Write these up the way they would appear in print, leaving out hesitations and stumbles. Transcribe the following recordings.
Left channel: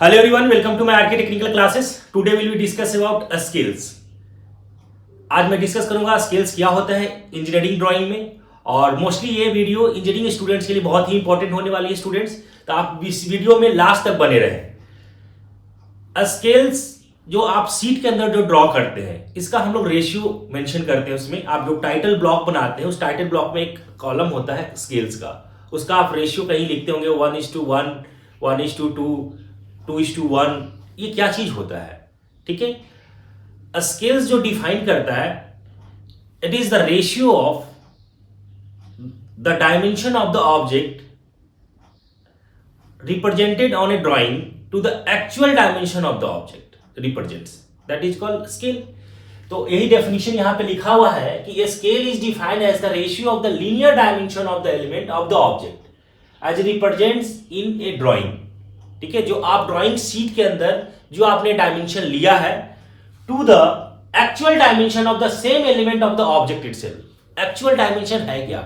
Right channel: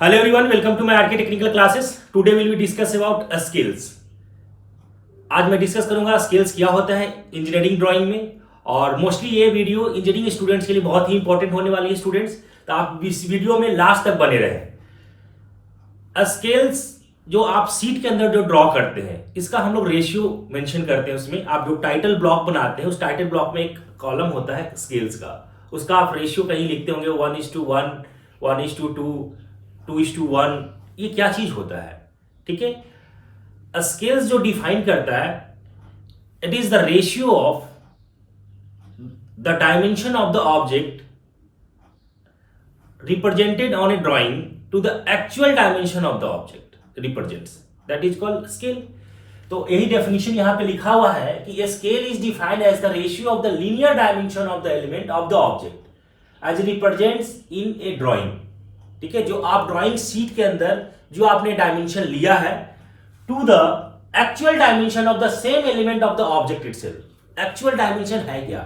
Hello everyone, welcome to my RK Technical classes. Today we will discuss about skills. आज मैं discuss करूंगा skills क्या होता है इंजीनियरिंग ड्राइंग में। और मोस्टली ये वीडियो इंजीनियरिंग स्टूडेंट्स के लिए बहुत ही इंपॉर्टेंट होने वाली है स्टूडेंट्स, तो आप इस वीडियो में लास्ट तक बने रहें। स्किल्स जो आप सीट के अंदर जो ड्रॉ करते हैं इसका हम लोग रेशियो मेंशन करते हैं। उसमें आप जो टाइटल ब्लॉक बनाते हैं उस टाइटल ब्लॉक में एक कॉलम होता है स्किल्स का, उसका आप रेशियो कहीं लिखते होंगे 1:1, 1:2, 2:1। ये क्या चीज होता है? ठीक है, स्किल्स जो डिफाइन करता है, it is the ratio of the dimension of the object represented on a drawing to the actual dimension of the object represents, that is called scale. तो यही डेफिनेशन यहां पे लिखा हुआ है कि a scale is defined as the ratio of the linear dimension of the element of the object as represents in a drawing. ठीक है, जो आप ड्राइंग शीट के अंदर जो आपने डायमेंशन लिया है to the actual dimension of the same element of the object itself. Actual dimension है क्या,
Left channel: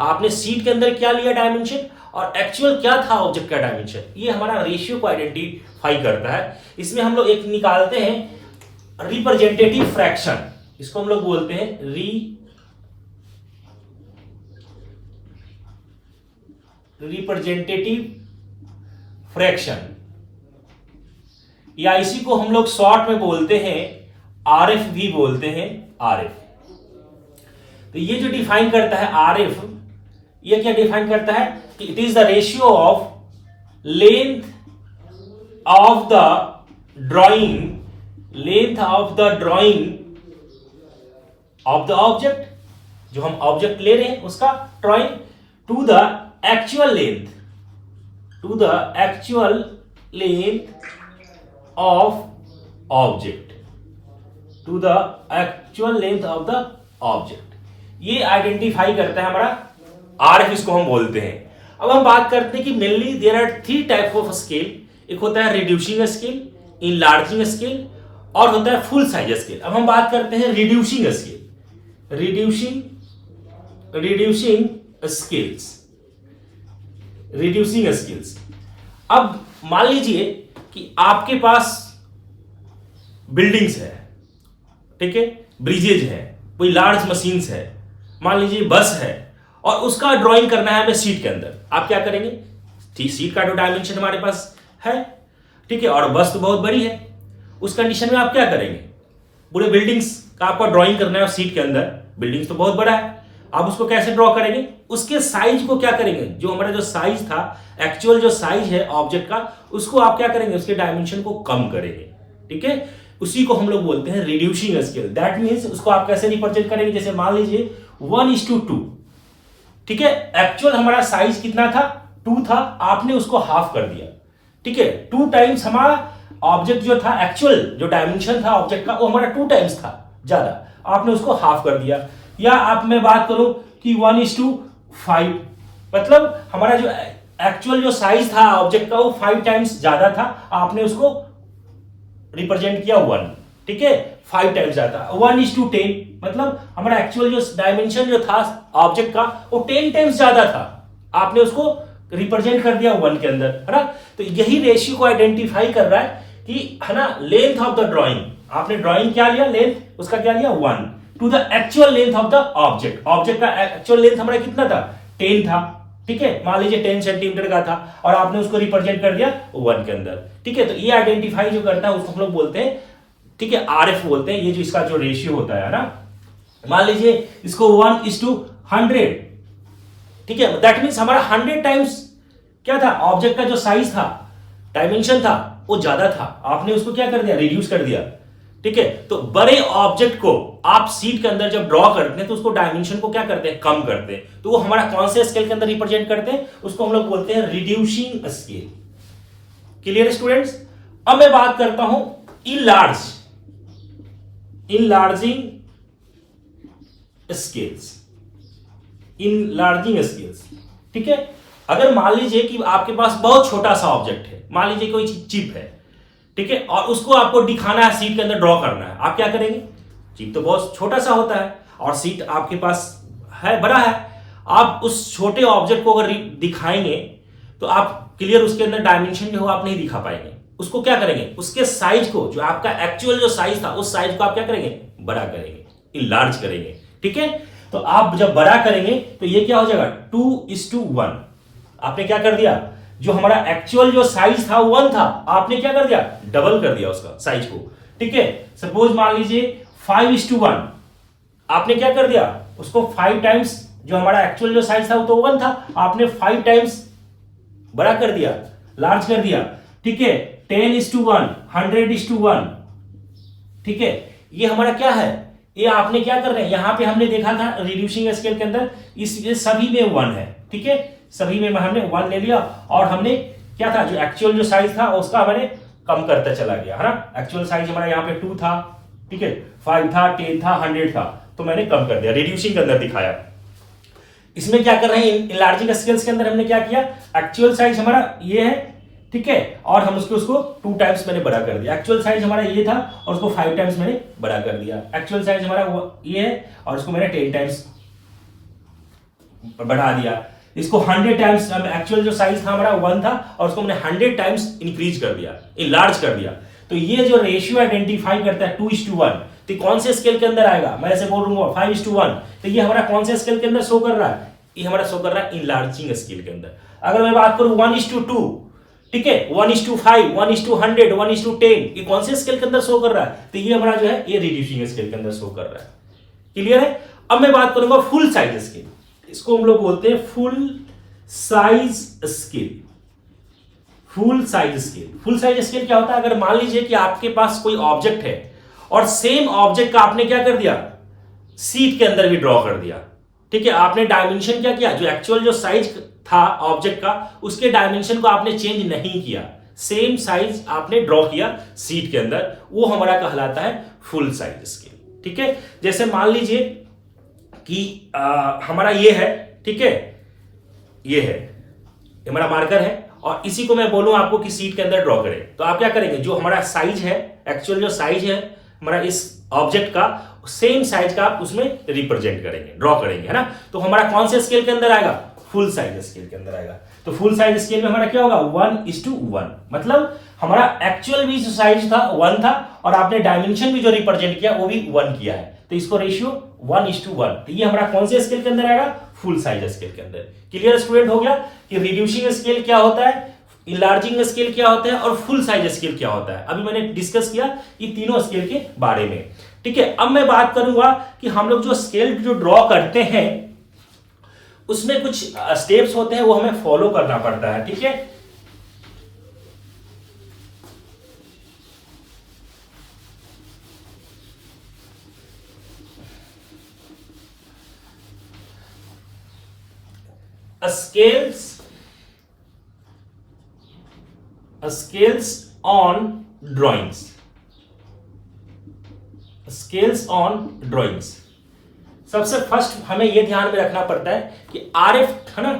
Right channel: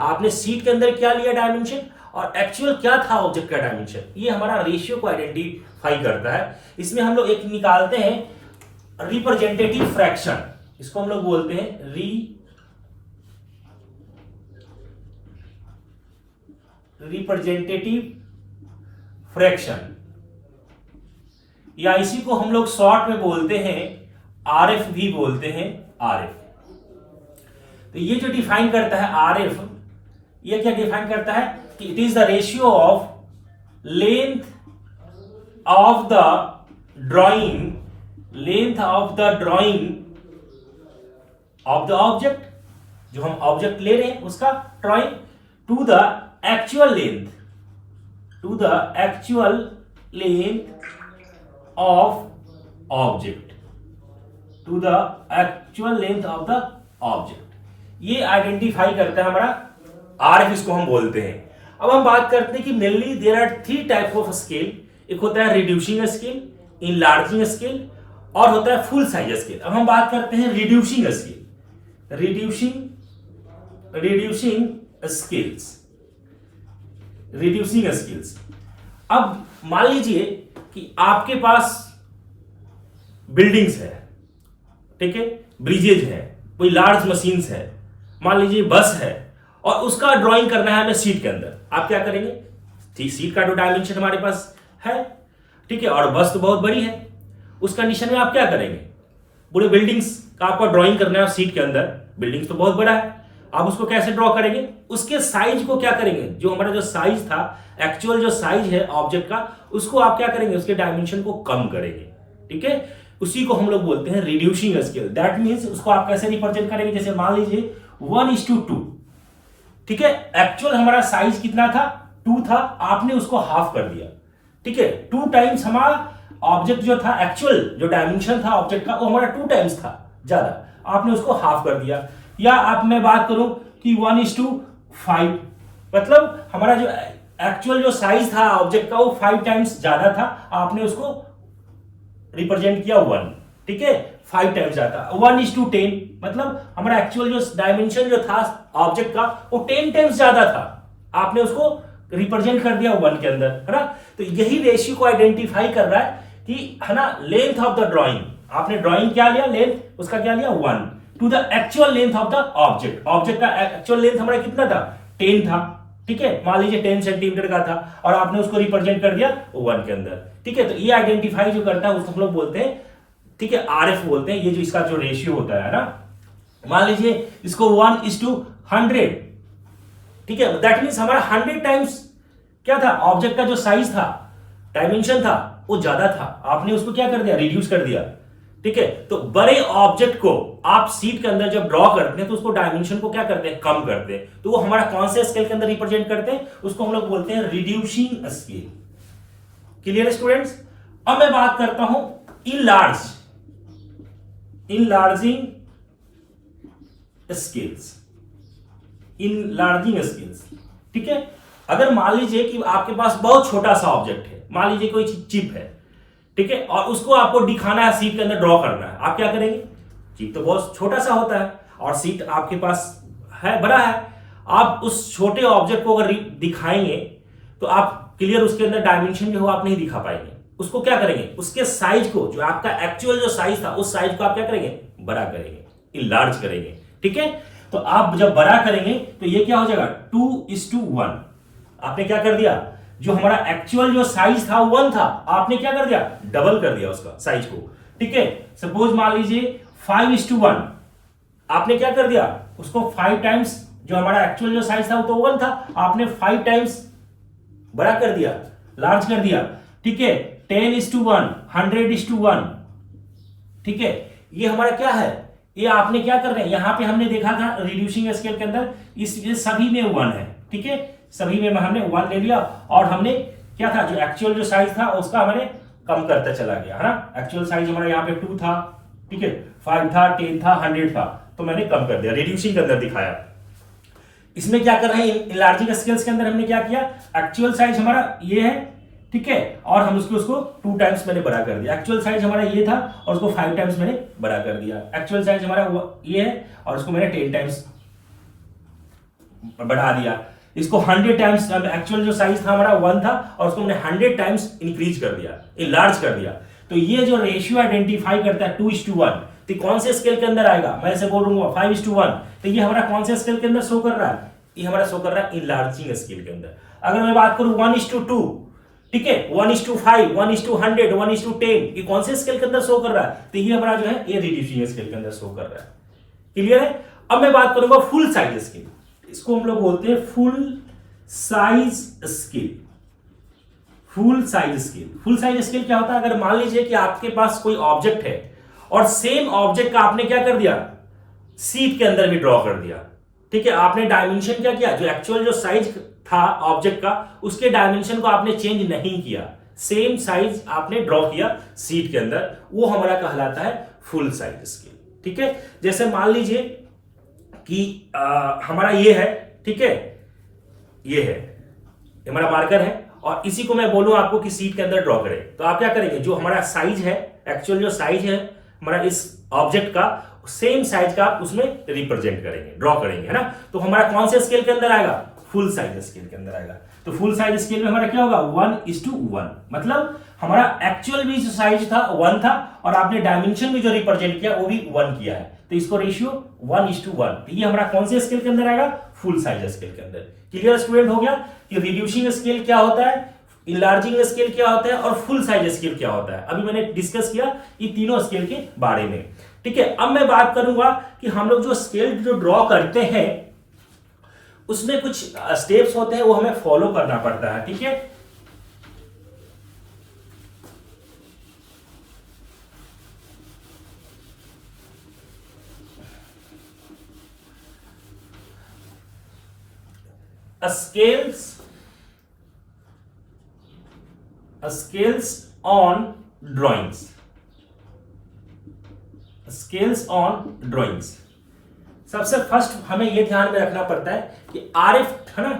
आपने शीट के अंदर क्या लिया डायमेंशन और एक्चुअल क्या था ऑब्जेक्ट का डायमेंशन, ये हमारा रेशियो को आइडेंटिफाई करता है। इसमें हम लोग एक निकालते हैं रिप्रेजेंटेटिव फ्रैक्शन, इसको हम लोग बोलते हैं रिप्रेजेंटेटिव फ्रैक्शन, या इसी को हम लोग शॉर्ट में बोलते हैं आरएफ भी बोलते हैं, आरएफ। तो ये जो डिफाइन करता है आरएफ, ये क्या डिफाइन करता है कि it is the ratio of length of the drawing, length of the drawing of the object, जो हम ऑब्जेक्ट ले रहे हैं उसका drawing, to the actual length, to the actual length of object, to the actual length of the object। ये identify करता है हमारा आरएफ, इसको हम बोलते हैं। अब हम बात करते हैं कि mainly there are 3 type of scale. एक होता है रिड्यूसिंग स्केल, इनलार्जिंग स्केल और होता है फुल साइज स्केल। अब हम बात करते हैं reducing scale, reducing scales, reducing skills. अब मान लीजिए कि आपके पास बिल्डिंग्स है, ठीक है, ब्रिजेज है, कोई लार्ज मशीन्स है, मान लीजिए बस है, और उसका ड्राइंग करना है हमें सीट के अंदर। आप क्या करेंगे, सीट का जो डायमेंशन हमारे पास है, ठीक है, और बस तो बहुत बड़ी है, उस कंडीशन में आप क्या करेंगे, पूरे बिल्डिंग्स का आपको ड्राइंग करना है सीट के अंदर। बिल्डिंग्स तो बहुत बड़ा है, आप उसको कैसे ड्रॉ करेंगे, उसके साइज को क्या करेंगे, जो हमारा जो साइज था, एक्चुअल जो साइज है ऑब्जेक्ट का, उसको आप क्या करेंगे, उसके डायमेंशन को कम करेंगे। ठीक है, उसी को हम लोग बोलते हैं रिड्यूसिंग स्केल। दैट मींस उसको आप कैसे रिप्रेजेंट करेंगे, जैसे मान लीजिए 1:2, ठीक है, एक्चुअल हमारा साइज कितना था, 2 था, आपने उसको हाफ कर दिया। ठीक है, 2 टाइम्स हमारा ऑब्जेक्ट जो था, एक्चुअल जो डायमेंशन था ऑब्जेक्ट का, वो हमारा 2 टाइम्स था ज्यादा, आपने उसको हाफ कर दिया। या आप मैं बात करूं कि 1:5, मतलब हमारा जो एक्चुअल जो साइज था ऑब्जेक्ट का वो 5 टाइम्स ज्यादा था, आपने उसको रिप्रेजेंट किया 1। ठीक है, 5 टाइम्स ज्यादा। 1:10, मतलब हमारा एक्चुअल जो डायमेंशन जो था ऑब्जेक्ट का वो 10 टाइम्स ज्यादा था, आपने उसको रिप्रेजेंट कर दिया 1 के अंदर, है ना। तो यही रेशियो को आइडेंटिफाई कर रहा है कि, है ना, लेंथ ऑफ द ड्राइंग, आपने ड्राइंग क्या लिया, लेंथ उसका क्या लिया 1, to the actual length of the object. Object का एक्चुअल लेंथ हमारा कितना था, 10 था। ठीक है, मान लीजिए 10 सेंटीमीटर का था, और आपने उसको रिप्रेजेंट कर दिया 1 के अंदर। ठीक है, तो ये आइडेंटिफाई जो करता है उसको हम लोग बोलते हैं, ठीक है, आरएफ बोलते हैं। ये जो इसका जो रेशियो होता है ना, मान लीजिए इसको 1:100, ठीक है, दैट मीन्स हमारा 100 टाइम्स क्या था, ऑब्जेक्ट का जो साइज था, डायमेंशन था, वो ज्यादा था, आपने उसको क्या कर दिया, रिड्यूस कर दिया। ठीक है, तो बड़े ऑब्जेक्ट को आप सीट के अंदर जब ड्रॉ करते हैं तो उसको डायमेंशन को क्या करते हैं, कम करते हैं। तो वो हमारा कौन से स्केल के अंदर रिप्रेजेंट करते हैं, उसको हम लोग बोलते हैं रिड्यूसिंग स्केल। Clear students? अब मैं बात करता हूं इनलार्जिंग स्केल्स, इनलार्जिंग स्केल्स। ठीक है, अगर मान लीजिए कि आपके पास बहुत छोटा सा ऑब्जेक्ट है, मान लीजिए कोई चिप है, ठीक है, और उसको आपको दिखाना है, सीट के अंदर ड्रॉ करना है, आप क्या करेंगे, चिप तो बहुत छोटा सा होता है और सीट आपके पास है, बड़ा है, आप उस छोटे ऑब्जेक्ट को अगर दिखाएंगे तो आप क्लियर उसके अंदर डायमेंशन जो हो आप नहीं दिखा पाएंगे, उसको क्या करेंगे, उसके साइज को, जो आपका एक्चुअल जो साइज था उस साइज को आप क्या करेंगे, बड़ा करेंगे, इनलार्ज करेंगे। ठीक है, तो आप जब बड़ा करेंगे तो ये क्या हो जाएगा 2:1। आपने क्या कर दिया, जो हमारा एक्चुअल जो साइज था 1 था, आपने क्या कर दिया, डबल कर दिया उसका साइज को। ठीक है, सपोज मान लीजिए 5:1, आपने क्या कर दिया उसको 5 टाइम्स, जो हमारा एक्चुअल जो साइज था वो तो 1 था, आपने 5 टाइम्स बड़ा कर दिया, लार्ज कर दिया। ठीक है, 10:1, 100:1। ठीक है, ये हमारा क्या है, ये आपने क्या कर रहे हैं, यहां पे हमने देखा था रिड्यूसिंग स्केल के अंदर ये सभी में 1 है। ठीक है, सभी में हमने 1 ले लिया और हमने क्या था, जो एक्चुअल जो साइज था उसका हमने कम करता चला गया, है ना। एक्चुअल साइज हमारा यहाँ पे 2 था, ठीक है, 5 था, 10 था, 100 था, तो मैंने कम कर दिया, रिड्यूसिंग के अंदर दिखाया। इसमें क्या कर रहे हैं, इनलार्जिंग स्केल्स के अंदर हमने क्या किया, एक्चुअल साइज हमारा ये है, ठीक है, और हम उसको 2 टाइम्स मैंने बड़ा कर दिया। एक्चुअल साइज हमारा ये था और उसको 5 टाइम्स मैंने बड़ा कर दिया। एक्चुअल साइज हमारा ये है और उसको मैंने 10 टाइम्स बढ़ा दिया। इसको 100 टाइम्स, एक्चुअल जो साइज था हमारा 1 था और उसको मैंने 100 टाइम्स इंक्रीज कर दिया, इनलार्ज कर दिया। तो ये जो रेशियो आइडेंटिफाई करता है 2:1, तो कौन से स्केल के अंदर आएगा, मैं ऐसे बोलूंगा 5:1, तो ये हमारा कौन से स्केल के अंदर शो कर रहा है, ये हमारा शो कर रहा है इनलार्जिंग स्केल के अंदर। अगर मैं बात करूं 1:2, ठीक है, 1:5, 1:100, 1:10, ये कौन से स्केल के अंदर शो कर रहा है, तो ये हमारा जो है ये रिड्यूसिंग स्केल के अंदर शो कर रहा है। क्लियर है। अब मैं बात करूंगा फुल साइज स्केल, इसको हम लोग बोलते हैं full size scale. Full size scale, full size scale क्या होता है, अगर मान लीजिए कि आपके पास कोई ऑब्जेक्ट है और सेम ऑब्जेक्ट का आपने क्या कर दिया, शीट के अंदर भी ड्रॉ कर दिया। ठीक है, आपने डायमेंशन क्या किया, जो एक्चुअल जो साइज था ऑब्जेक्ट का उसके डायमेंशन को आपने चेंज नहीं किया, सेम साइज आपने ड्रॉ किया शीट के अंदर, वो हमारा कहलाता है फुल साइज स्केल। ठीक है, जैसे मान लीजिए कि हमारा ये है, ठीक है, ये है, ये हमारा मार्कर है और इसी को मैं बोलूं आपको कि शीट के अंदर ड्रॉ करें, तो आप क्या करेंगे, जो हमारा साइज है, एक्चुअल जो साइज है हमारा इस ऑब्जेक्ट का, सेम साइज का आप उसमें रिप्रेजेंट करेंगे, ड्रॉ करेंगे, है ना। तो हमारा कौन से स्केल के अंदर आएगा, फुल साइज स्केल के अंदर आएगा। तो फुल साइज स्केल में हमारा क्या होगा 1:1, मतलब हमारा एक्चुअल भी जो साइज था 1 था और आपने डायमेंशन भी जो रिप्रेजेंट किया वो भी 1 किया है, तो इसको रेशियो 1:1। तो ये हमारा कौन से स्केल के अंदर आएगा, फुल साइज स्केल के अंदर। क्लियर स्टूडेंट, हो गया कि रिड्यूसिंग स्केल क्या होता है, इनलार्जिंग स्केल क्या होता है और फुल साइज स्केल क्या होता है। अभी मैंने डिस्कस किया ये तीनों स्केल के बारे में। ठीक है, अब मैं बात करूंगा कि हम लोग जो स्केल जो ड्रॉ करते हैं उसमें कुछ स्टेप्स होते हैं वो हमें फॉलो करना पड़ता है। ठीक है, scales on drawings, scales on drawings। सबसे फर्स्ट हमें यह ध्यान में रखना पड़ता है कि आरएफ, है ना,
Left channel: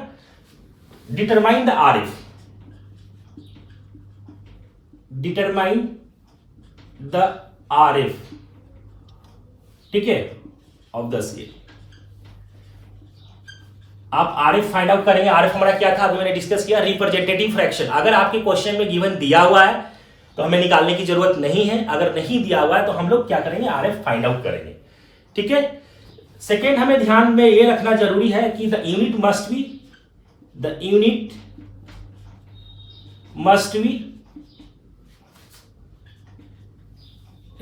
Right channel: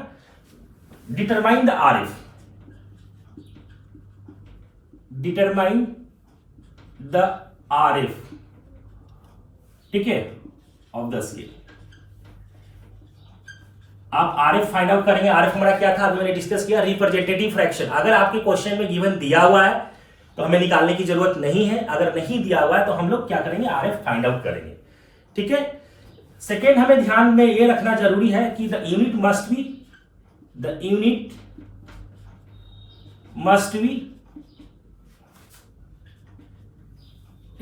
determine the RF, determine the RF, ठीक है, ऑफ द स्केल। आप आरएफ फाइंड आउट करेंगे। आरएफ हमारा क्या था, अभी मैंने डिस्कस किया, रिप्रेजेंटेटिव फ्रैक्शन। अगर आपके क्वेश्चन में गिवन दिया हुआ है तो हमें निकालने की जरूरत नहीं है, अगर नहीं दिया हुआ है तो हम लोग क्या करेंगे, आरएफ फाइंड आउट करेंगे। ठीक है, सेकेंड हमें ध्यान में ये रखना जरूरी है कि the unit must be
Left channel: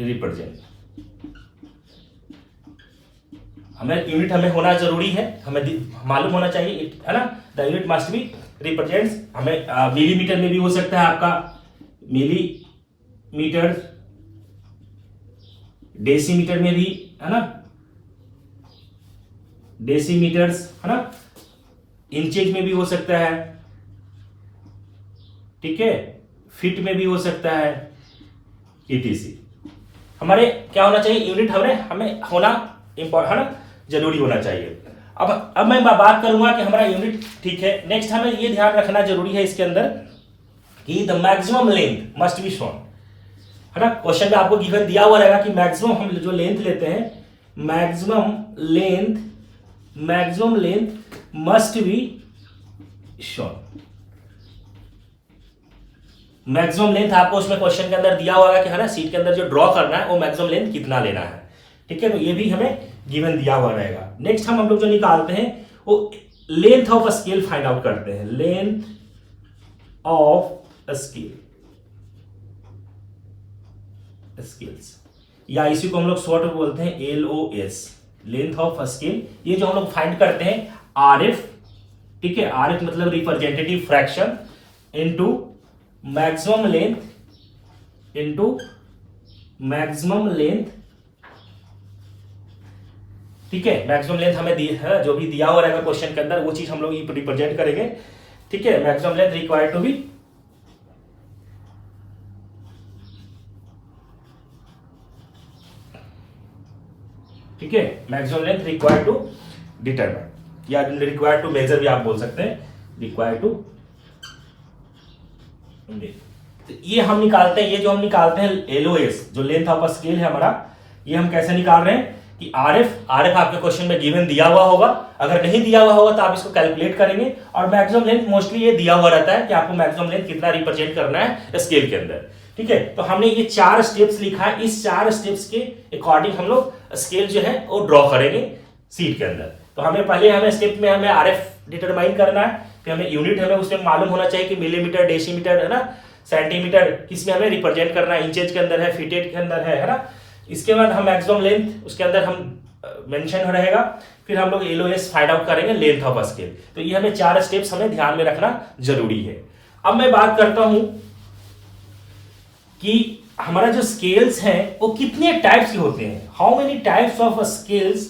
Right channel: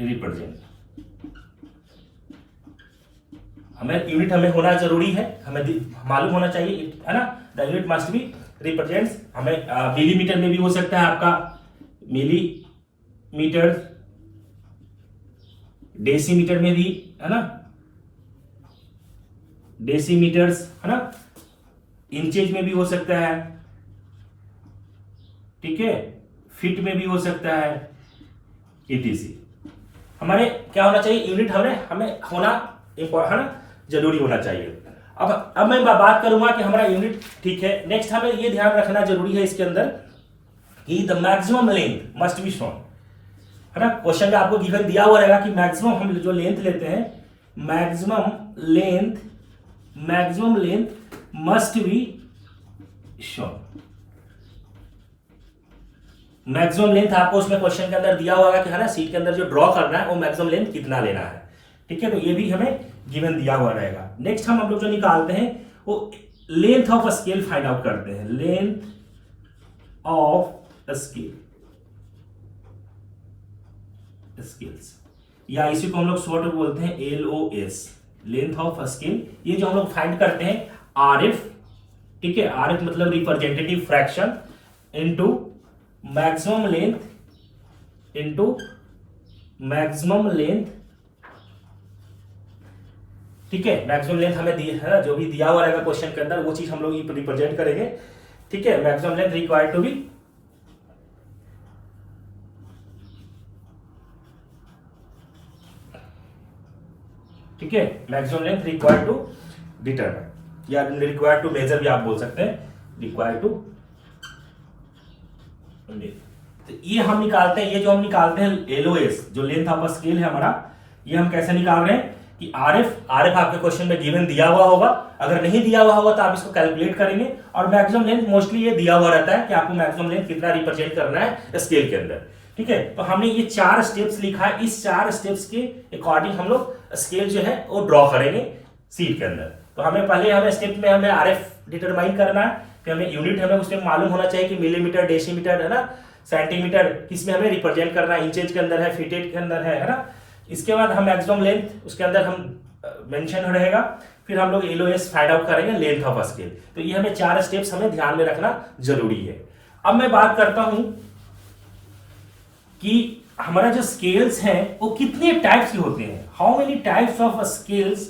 represent, unit हमें होना जरूरी है, हमें मालूम होना चाहिए, है ना। The unit must be represents, हमें मिलीमीटर में भी हो सकता है आपका, मिलीमीटर, डेसीमीटर में भी, है ना, डेसीमीटर्स, है ना, इंचेज में भी हो सकता है, ठीक है, फीट में भी हो सकता है, etc। हमारे क्या होना चाहिए, यूनिट हमें होना इंपॉर्टेंट, है ना, जरूरी होना चाहिए। अब मैं बात करूंगा कि हमारा यूनिट, ठीक है। नेक्स्ट हमें ये ध्यान रखना जरूरी है इसके अंदर कि the maximum length must be shown, है ना। क्वेश्चन में आपको गिवन दिया हुआ रहेगा कि मैक्सिमम हम जो लेंथ लेते हैं, maximum length must be shown, maximum length आपको उसमें क्वेश्चन के अंदर दिया होगा कि है ना, सीट के अंदर जो ड्रॉ करना है वो मैक्सिमम लेंथ कितना लेना है। ठीक है, तो ये भी हमें गिवन दिया हुआ रहेगा। नेक्स्ट हम लोग जो निकालते हैं वो length of scale find out करते हैं। लेंथ ऑफ स्केल, स्केल्स, या इसी को हम लोग शॉर्ट में बोलते हैं LOS, लेंथ ऑफ स्केल। ये जो हम लोग फाइंड करते हैं RF, ठीक है, RF मतलब representative fraction into maximum length into maximum length. ठीक है, मैक्सिमम लेंथ हमें है जो भी दिया हुआ रहेगा क्वेश्चन के अंदर वो चीज हम लोग रिप्रेजेंट करेंगे। ठीक है, maximum length required to be, ठीक है, maximum length required to determine, या रिक्वायर्ड टू मेजर भी आप बोल सकते हैं, रिक्वायर्ड टू। तो ये हम निकालते हैं, ये जो हम निकालते हैं LOS जो लेंथ ऑफ स्केल है हमारा, ये हम कैसे निकाल रहे हैं कि RF आपके क्वेश्चन में गिवन दिया हुआ होगा, अगर नहीं दिया हुआ होगा तो आप इसको कैलकुलेट करेंगे। और मैक्सिमम लेंथ मोस्टली ये दिया हुआ रहता है कि आपको मैक्सिमम लेंथ कितना रिप्रेजेंट करना है स्केल के अंदर। ठीक है, तो हमने ये 4 स्टेप्स लिखा है, इस 4 स्टेप्स के अकॉर्डिंग हम लोग स्केल जो है वो ड्रॉ करेंगे सीट के अंदर। तो हमें पहले स्टेप में हमें RF डिटरमाइन करना है, फिर हमें यूनिट हमें उसमें मालूम होना चाहिए कि मिलीमीटर, डेसीमीटर, है ना, सेंटीमीटर, किसमें हमें रिप्रेजेंट करना है, इंचेज के अंदर है, फीटेड के अंदर है ना। इसके बाद हम मैक्सिमम लेंथ उसके अंदर हम मेंशन रहेगा, फिर हम लोग LOS फाइंड आउट करेंगे लेंथ ऑफ स्केल। तो ये हमें 4 स्टेप्स हमें ध्यान में रखना जरूरी है। अब मैं बात करता हूं कि हमारा जो स्केल्स हैं वो कितने टाइप्स के होते हैं। How many types of scales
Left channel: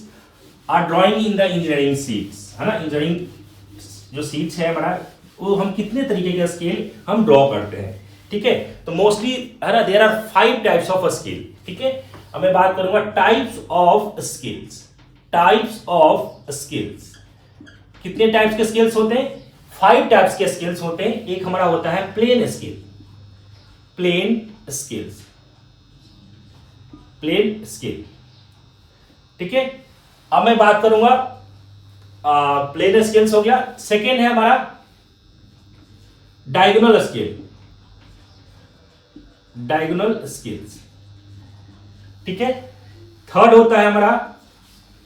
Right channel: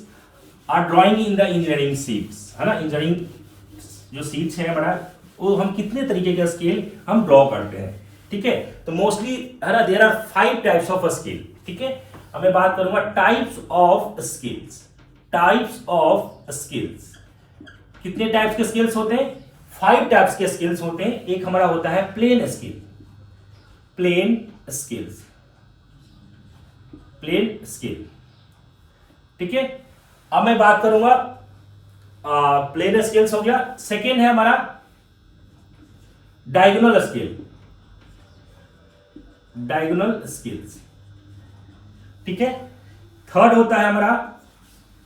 are drawing in the engineering sheets, है ना, इंजीनियरिंग जो सीट्स है हमारा, वो हम कितने तरीके के स्केल हम ड्रॉ करते हैं। ठीक है, तो मोस्टली है ना there are 5 types of scale. ठीक है, अब मैं बात करूंगा types of scales. Types of scales, कितने टाइप्स के स्केल्स होते हैं? 5 टाइप्स के स्केल्स होते हैं। एक हमारा होता है plain scale, plain scales, plain scale. ठीक है, अब मैं बात करूंगा प्लेन स्केल्स हो गया। सेकेंड है हमारा डायगोनल स्केल, डायगोनल स्केल्स। ठीक है, थर्ड होता है हमारा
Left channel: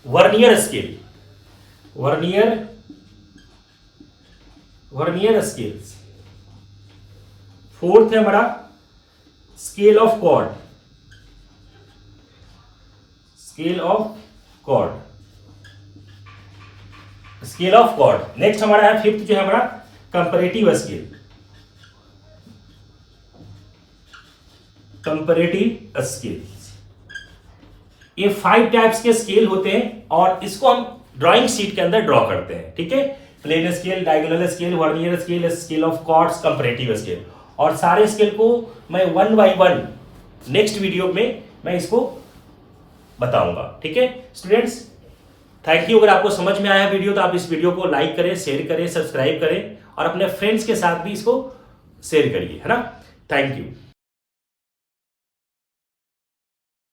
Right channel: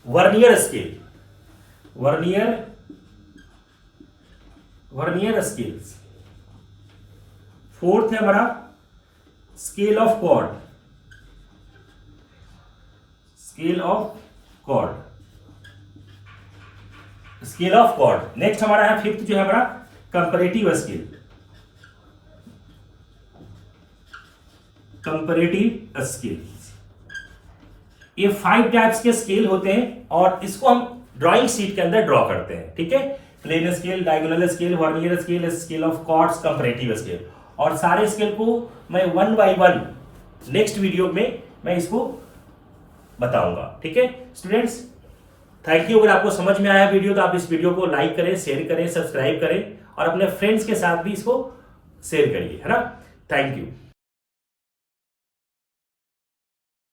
vernier scale, vernier scales. Fourth है हमारा scale of chord, scale of chord, scale of chord. Next हमारा है फिफ्थ जो है हमारा कंपैरेटिव स्केल, कंपैरेटिव स्केल। ये 5 टाइप्स के स्केल होते हैं और इसको हम ड्राइंग शीट के अंदर ड्रॉ करते हैं। ठीक है, plain scale, diagonal scale, vernier scale, scale of chords, comparative scale. और सारे स्केल को मैं 1 बाय 1 नेक्स्ट वीडियो में मैं इसको बताऊंगा। ठीक है स्टूडेंट्स, थैंक यू। अगर आपको समझ में आया वीडियो तो आप इस वीडियो को लाइक करें, शेयर करें, सब्सक्राइब करें और अपने फ्रेंड्स के साथ भी इसको शेयर करिए, है ना। Thank you.